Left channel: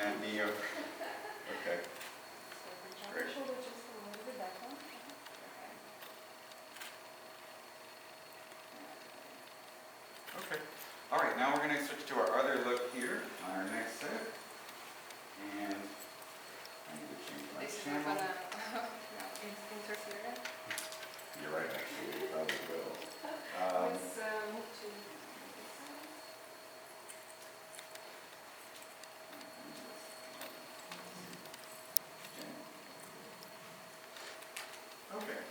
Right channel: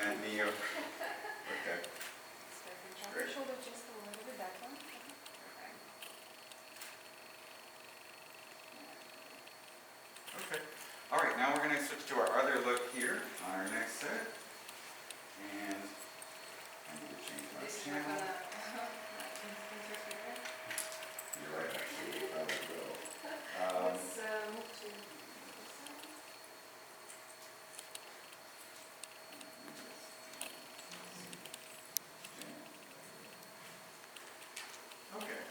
that knee over. Okay. Drop your shoulder just a little bit back one. Okay. All right, now we're going to switch to our other look here on our next set. And I need to change my This is not channel. gonna interfere. You're right, actually, it probably will. Let's move to this side. Okay,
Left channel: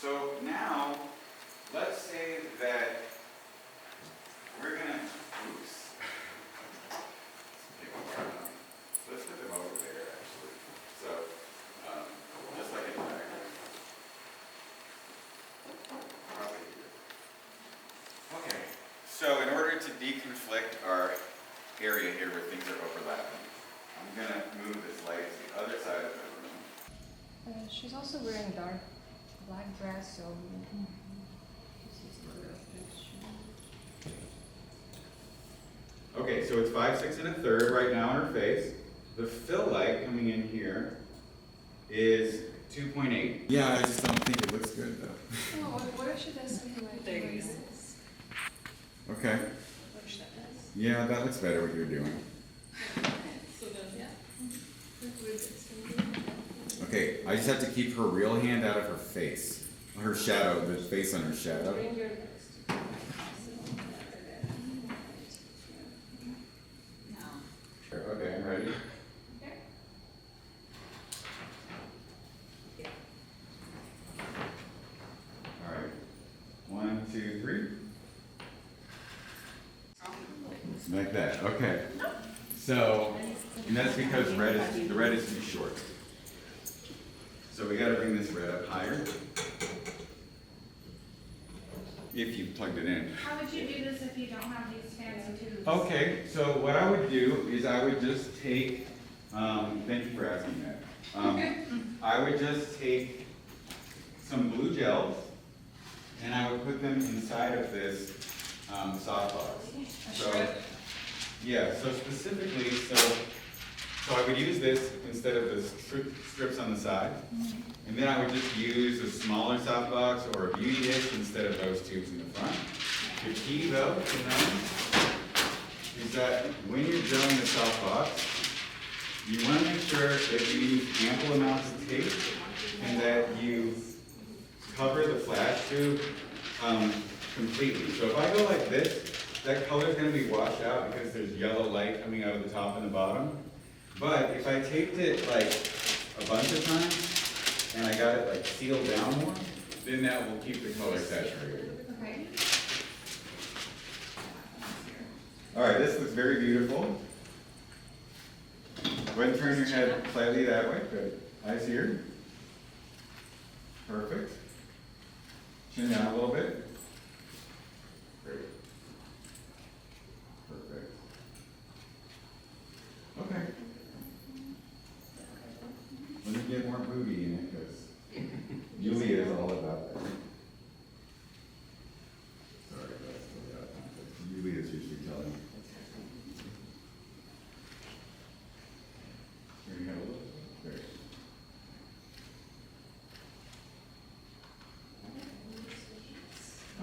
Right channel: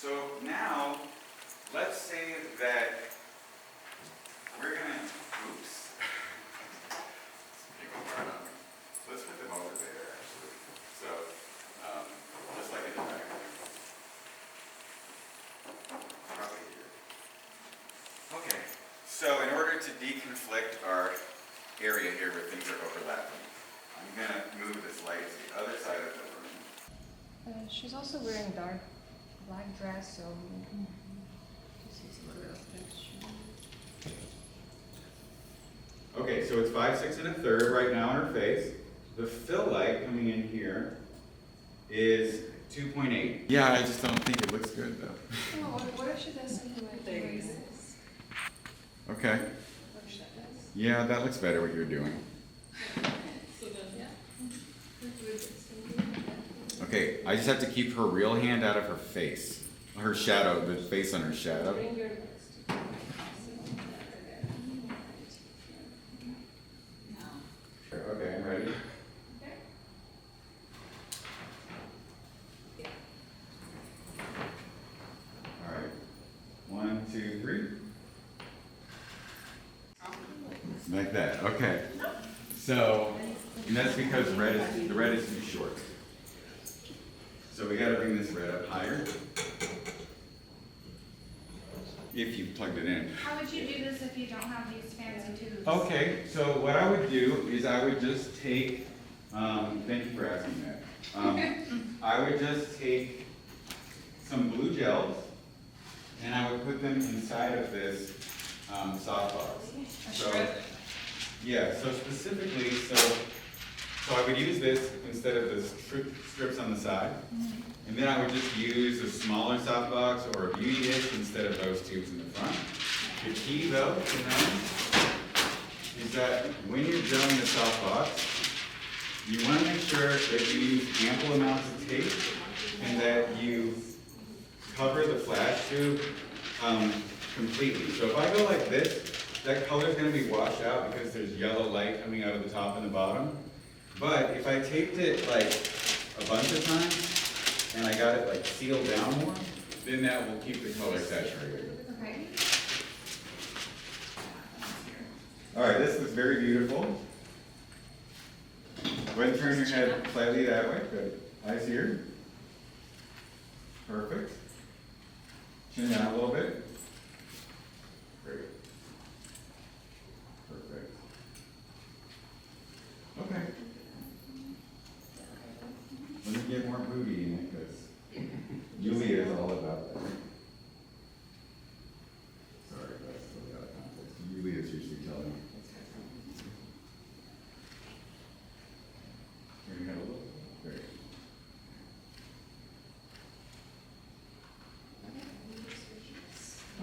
so now let's say that we're gonna, oops. People are on me. So let's put them over there actually. So, just like in the back. Probably here. Okay, so in order to deconflict our area here where things are overlapping, I'm gonna move this light to the other side of the room. She's also wearing dark black dress, so just use a little bit of texture. Okay, so it's 5, 6 1/3 right now on her face. The fill light coming in here is 2.8. Yeah, I just don't think it looks good though. Oh, what if she does something like this? Okay. What if she does? Yeah, that looks better what you're doing. So then, yeah. Okay, I just have to keep her real hand out of her face. Her shadow, the face on her shadow. Bring your nose to Okay, I'm ready. okay. All right. 1, 2, 3. Like that. Okay. So, and that's because the red is too short. So we got to bring this red up higher. If you plugged it in. How would you do this if you don't have these fancy tubes? Okay, so what I would do is I would just take, thank you for asking that. I would just take some blue gels and I would put them inside of this softbox. So, yeah, so specifically, so I would use this instead of the strips on the side. And then I would just use a smaller softbox or a beauty dish instead of those tubes in the front. The key though to know is that when you're drilling the softbox, you want to make sure that you use ample amounts of tape and that you cover the flash tube completely. So if I go like this, that color is going to be washed out because there's yellow light coming out of the top and the bottom. But if I taped it like a bunch of times, and I got it like sealed down more, then that will keep the color saturated. Okay. All right, this looks very beautiful. Go ahead and turn your head slightly that way. Good. Eyes here. Perfect. Chin down a little bit. Great. Perfect. Okay. Let me get more booty in it because Yuliya is all about that. Sorry, that's totally out of context. Yuliya is usually telling me. Turn your head a little. Great.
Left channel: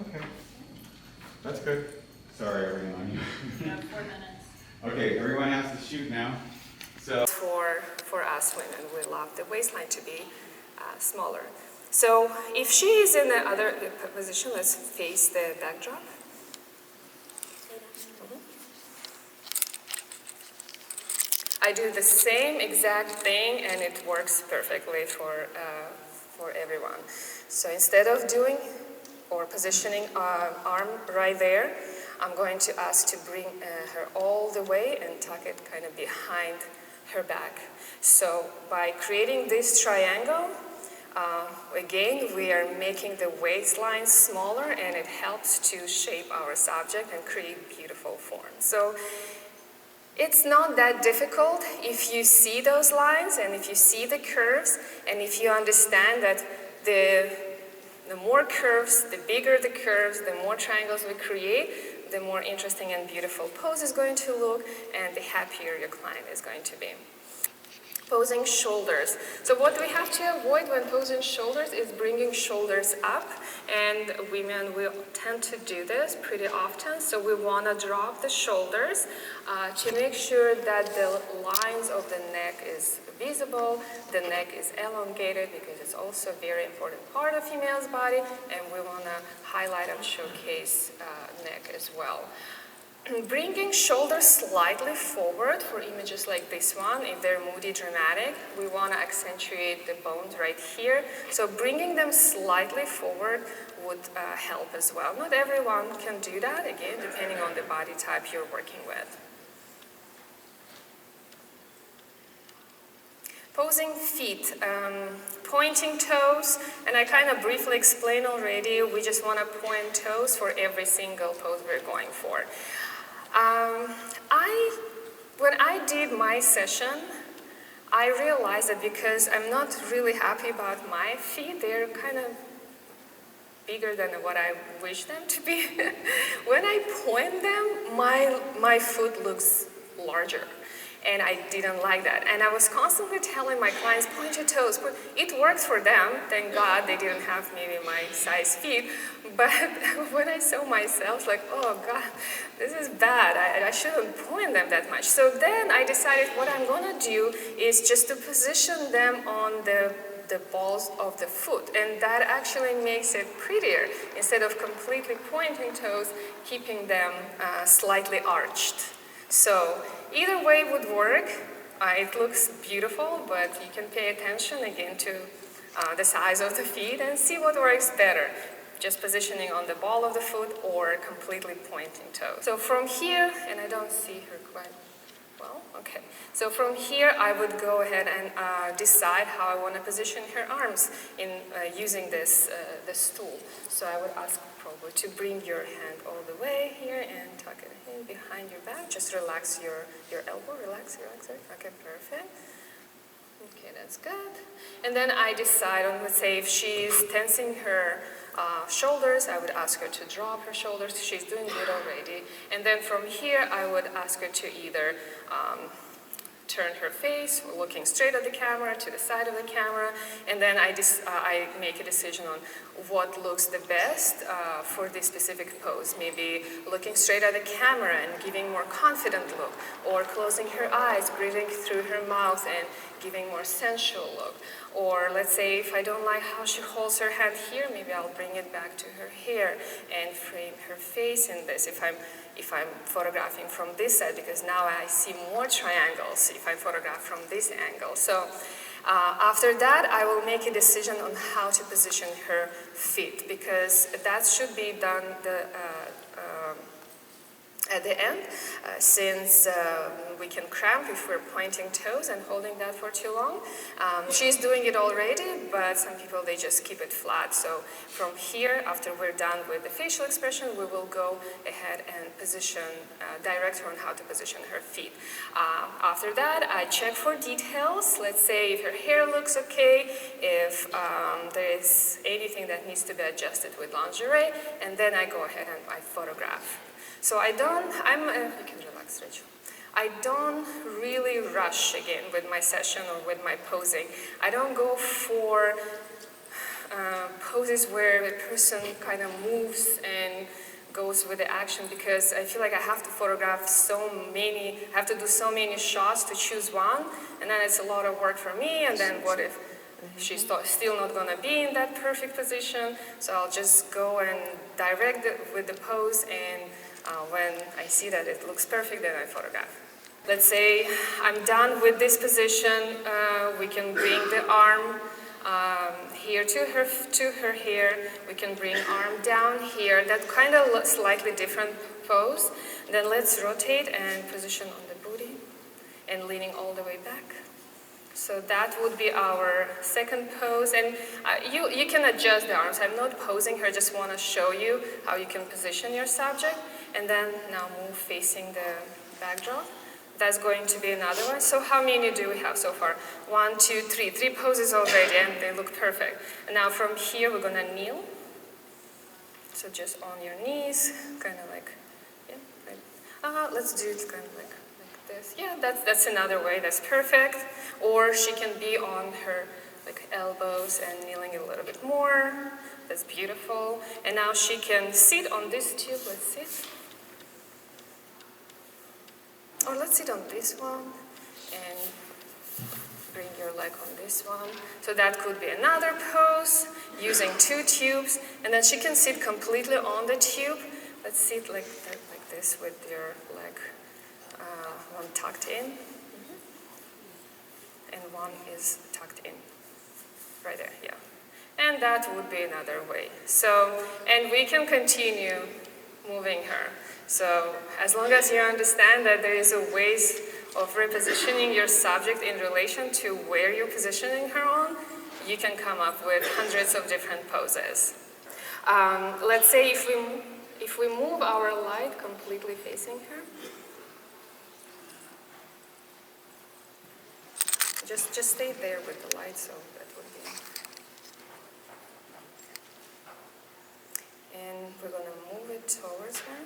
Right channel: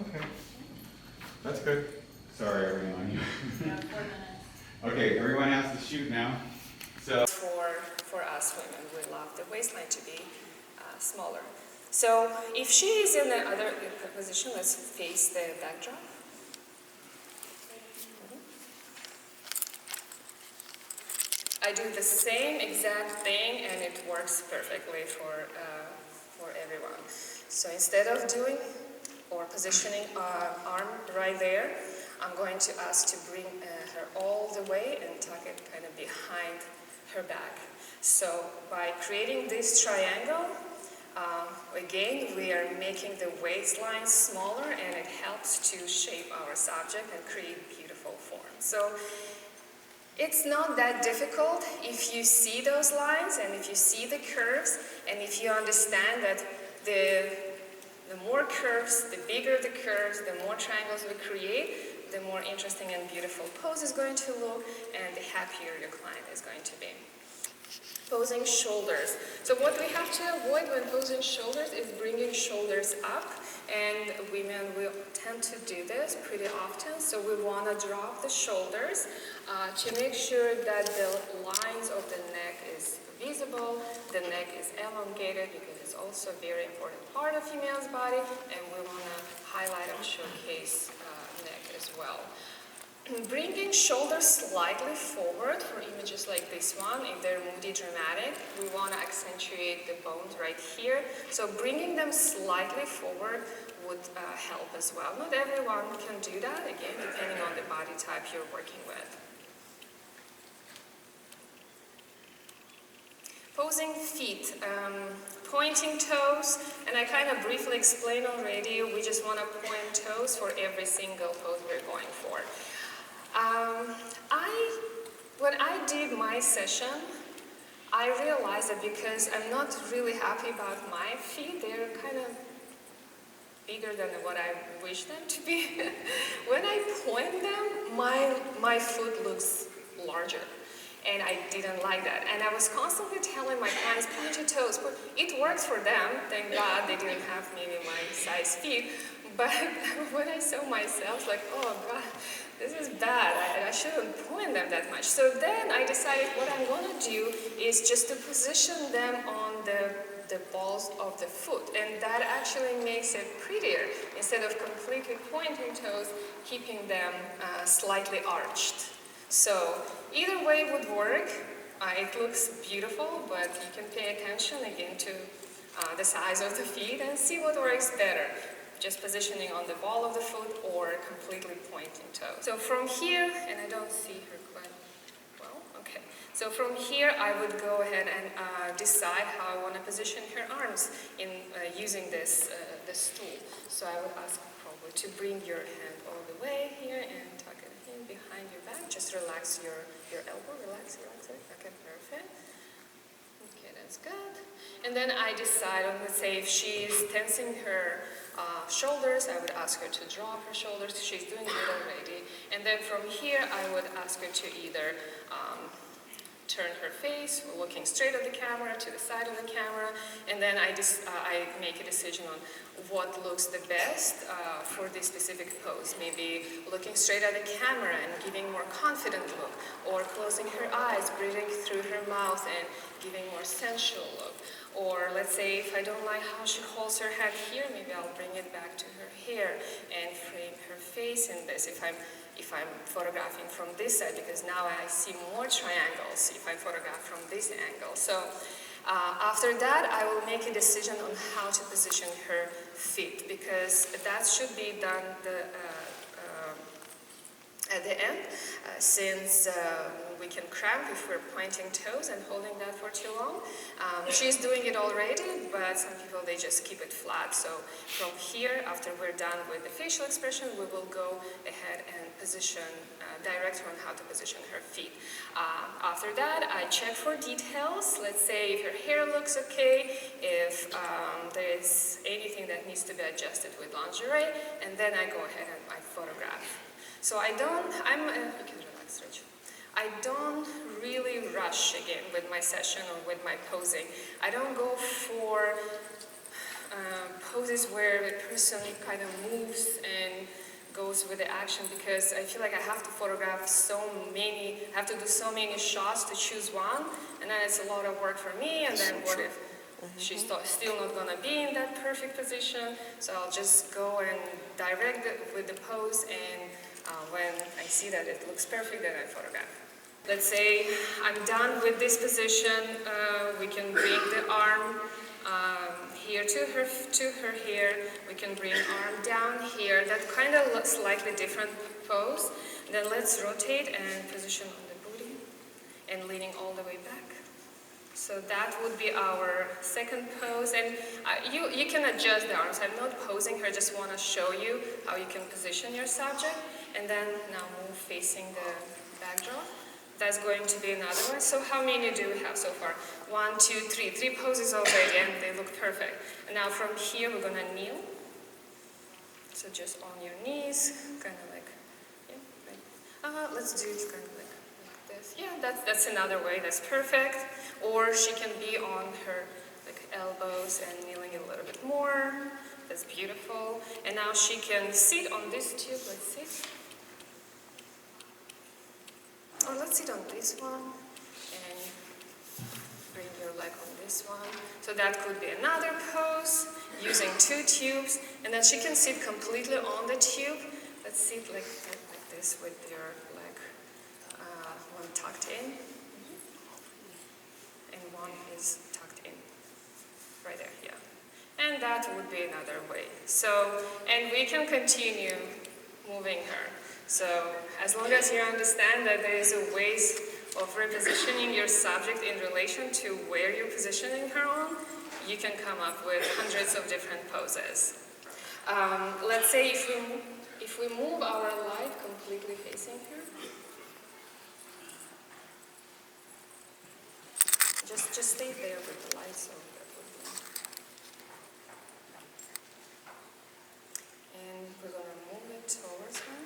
Okay. That's good. Sorry, everyone. You have 4 minutes. Okay, everyone has to shoot now. So. For us women, we love the waistline to be smaller. So if she is in the other position, let's face the backdrop. I do the same exact thing and it works perfectly for everyone. So instead of doing or positioning arm right there, I'm going to ask to bring her all the way and tuck it kind of behind her back. So by creating this triangle, again, we are making the waistline smaller and it helps to shape our subject and create beautiful form. So it's not that difficult if you see those lines and if you see the curves and if you understand that the more curves, the bigger the curves, the more triangles we create, the more interesting and beautiful pose is going to look, and the happier your client is going to be. Posing shoulders. So what we have to avoid when posing shoulders is bringing shoulders up, and women will tend to do this pretty often. So we want to drop the shoulders to make sure that the lines of the neck is visible, the neck is elongated, because it's also a very important part of female's body, and we want to highlight and showcase neck as well. Bringing shoulders slightly forward for images like this one, if they're moody, dramatic, we want to accentuate the bones right here. So bringing them slightly forward would help as well. Not everyone can do that, again, depending on the body type you're working with. Posing feet, pointing toes, and I kind of briefly explained already, we just want to point toes for every single pose we're going for. When I did my session, I realized that because I'm not really happy about my feet, they're kind of bigger than what I wish them to be. When I point them, my foot looks larger. And I didn't like that. And I was constantly telling my clients, point your toes. But it works for them. Thank God they didn't have maybe my size feet. But when I saw myself, like, oh God, this is bad. I shouldn't point them that much. So then I decided what I'm going to do is just to position them on the balls of the foot. And that actually makes it prettier. Instead of completely pointing toes, keeping them slightly arched. So either way would work. It looks beautiful, but you can pay attention again to the size of the feet and see what works better. Just positioning on the ball of the foot or completely pointing toes. So from here, and I don't see her quite well, okay. So from here, I would go ahead and decide how I want to position her arms in using this stool. So I would ask Pavo to bring your hand all the way here and tuck it in behind your back. Just relax your elbow, relax it. Okay, perfect. Okay, that's good. And then I decide on, let's say, if she's tensing her shoulders, I would ask her to drop her shoulders. She's doing good already. And then from here, I would ask her to either turn her face, looking straight at the camera, to the side of the camera, and then I make a decision on what looks the best for this specific pose. Maybe looking straight at the camera and giving more confident look, or closing her eyes, breathing through her mouth and giving more sensual look. Or let's say if I don't like how she holds her hand here, maybe I'll bring it back to her hair and frame her face in this if I'm photographing from this side, because now I see more triangles if I photograph from this angle. So after that, I will make a decision on how to position her feet, because that should be done at the end, since we can cramp if we're pointing toes and holding that for too long. She's doing it already, but some people, they just keep it flat. So from here, after we're done with the facial expression, we will go ahead and position, direct her on how to position her feet. After that, I check for details. Let's say if her hair looks okay, if there is anything that needs to be adjusted with lingerie, and then I go ahead and I photograph. So you can relax, Rich. I don't really rush again with my session or with my posing. I don't go for poses where the person kind of moves and goes with the action, because I feel like I have to photograph I have to do so many shots to choose one, and then it's a lot of work for me, and then what if she's still not going to be in that perfect position? So I'll just go and direct it with the pose, and when I see that it looks perfect, then I photograph. Let's say I'm done with this position. We can bring the arm here to her hair. We can bring arm down here. That kind of looks slightly different pose. Then let's rotate and position on the booty and leaning all the way back. So that would be our second pose. And you can adjust the arms. I'm not posing her, just want to show you how you can position your subject. And then now move facing the backdrop. That's going to be another one. So how many do we have so far? 1, 2, 3. 3 poses already, and they look perfect. And now from here, we're going to kneel. So just on your knees, kind of like Let's do it kind of like this. Yeah, that's another way. That's perfect. Or she can be on her like elbows and kneeling a little bit more. That's beautiful. And now she can sit on this tube. Let's sit. Or let's sit on this one and bring your leg on this one. So that could be another pose using 2 tubes. And then she can sit completely on the tube. Let's sit like this with your leg one tucked in. And one is tucked in. Right there, yeah. And that would be another way. So, and we can continue moving her. So, as long as you understand that there is a ways of repositioning your subject in relation to where you're positioning her on, you can come up with hundreds of different poses. Let's say if we move our light completely facing her, just stay there with the light, so that would be. And we're going to move it towards her.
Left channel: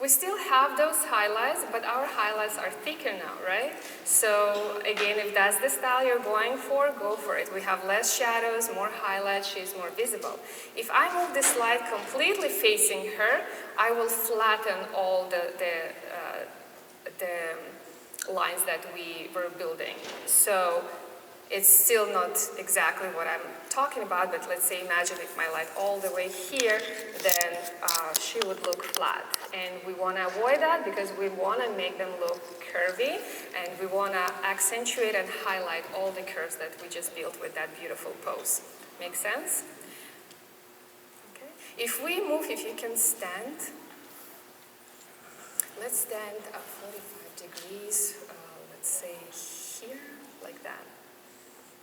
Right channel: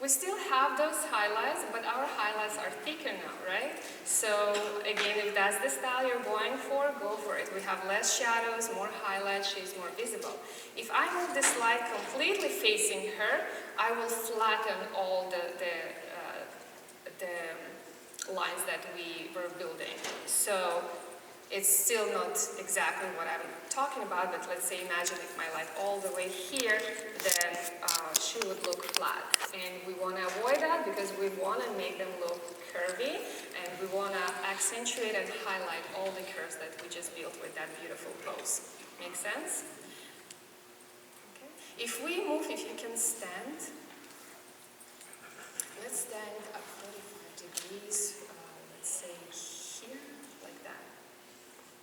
We still have those highlights, but our highlights are thicker now, right? So again, if that's the style you're going for, go for it. We have less shadows, more highlights, she's more visible. If I move this light completely facing her, I will flatten all the lines that we were building. So it's still not exactly what I'm talking about, but let's say imagine if my light all the way here, then she would look flat. And we want to avoid that because we want to make them look curvy, and we want to accentuate and highlight all the curves that we just built with that beautiful pose. Make sense? Okay. If we move, if you can stand, let's stand at 45 degrees, let's say here, like that.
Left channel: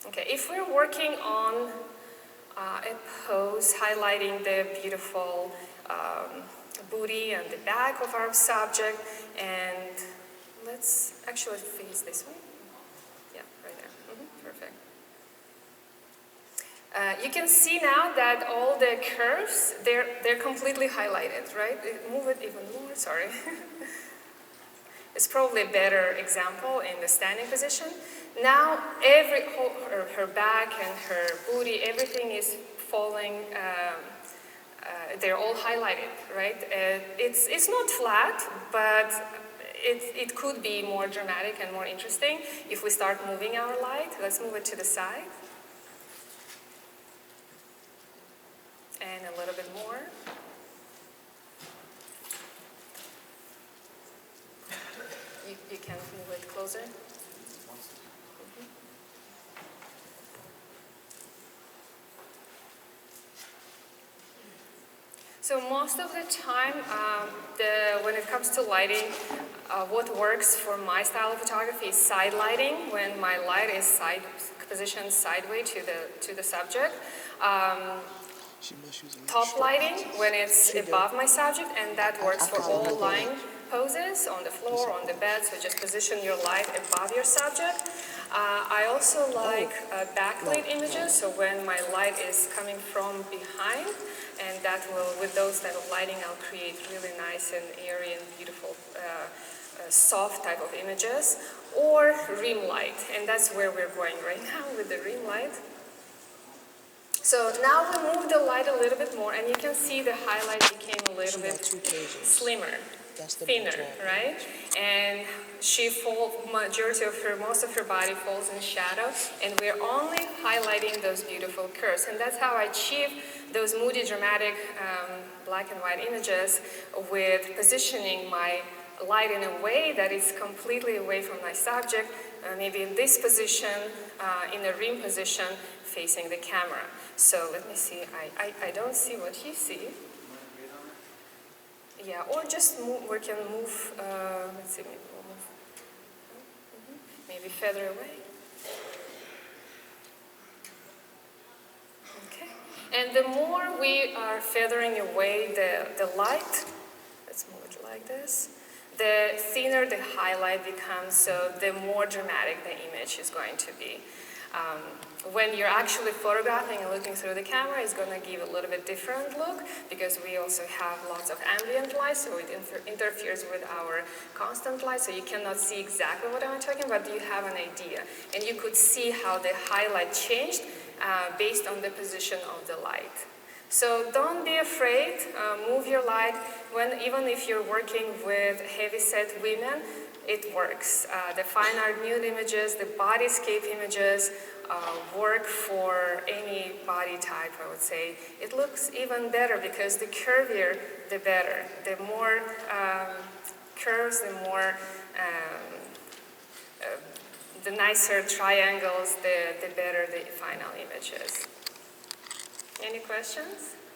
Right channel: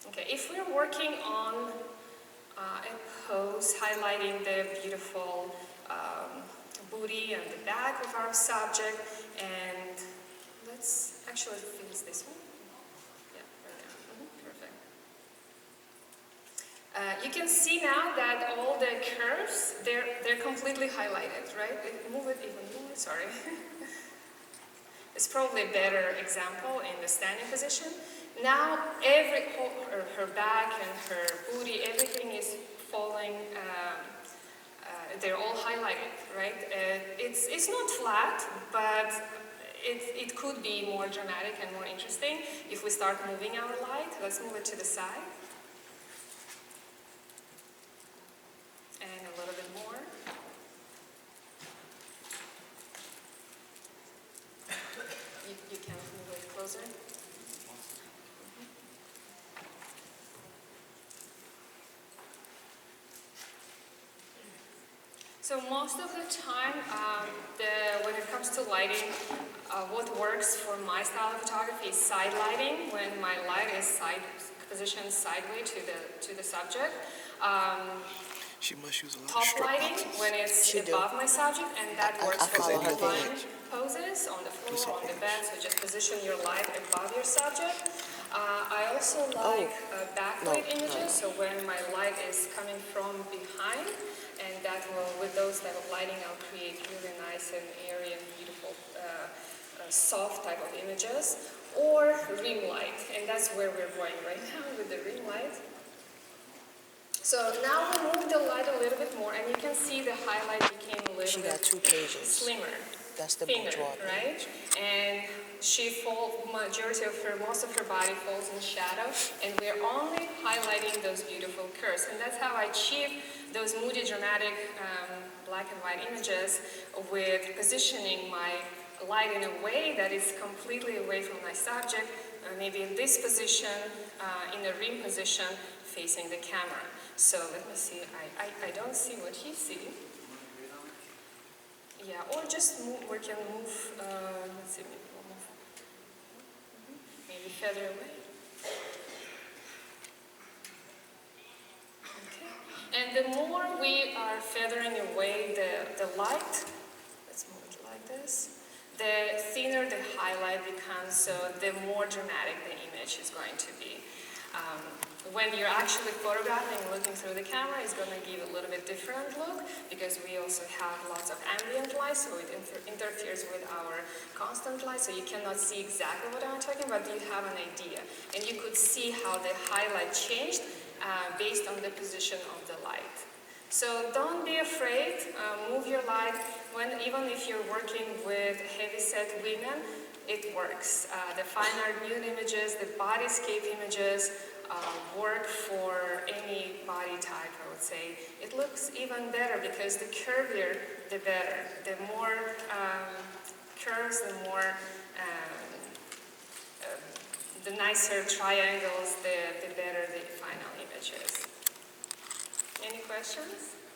Okay, if we're working on a pose highlighting the beautiful booty and the back of our subject, and let's actually face this one. Yeah, right there. Perfect. You can see now that all the curves, they're completely highlighted, right? Move it even more, sorry. It's probably a better example in the standing position. Now, her back and her booty, everything is falling, they're all highlighted, right? It's not flat, but it could be more dramatic and more interesting if we start moving our light. Let's move it to the side. And a little bit more. You can move it closer. So most of the time, when it comes to lighting, what works for my style of photography is side lighting, when my light is positioned sideways to the subject. Top lighting, when it's above my subject, and that works for all lying poses, on the floor, on the bed, so just position your light above your subject. I also like backlit images, so when my light is coming from behind, and that will, with those type of lighting, I'll create really nice and airy and beautiful, soft type of images, or ring light, and that's where we're going right now with the ring light. So now we move the light a little bit more, and you can see the highlight became a little bit slimmer, thinner, right? And she falls, most of her body falls in shadow, and we're only highlighting those beautiful curves. And that's how I achieve those moody, dramatic black and white images with positioning my light in a way that is completely away from my subject, maybe in this position, in a ring position, facing the camera. So let me see, I don't see what you see. Yeah, or just move, we can move, let's see, maybe further away. Okay, and the more we are feathering away the light, let's move it like this, the thinner the highlight becomes, so the more dramatic the image is going to be. When you're actually photographing and looking through the camera, it's going to give a little bit different look because we also have lots of ambient light, so it interferes with our constant light, so you cannot see exactly what I'm talking about, but you have an idea. And you could see how the highlight changed based on the position of the light. So don't be afraid, move your light. Even if you're working with heavy-set women, it works. The fine art nude images, the bodyscape images work for any body type, I would say. It looks even better because the curvier, the better. The more curves, the more, the nicer triangles, the better the final image is. Any questions?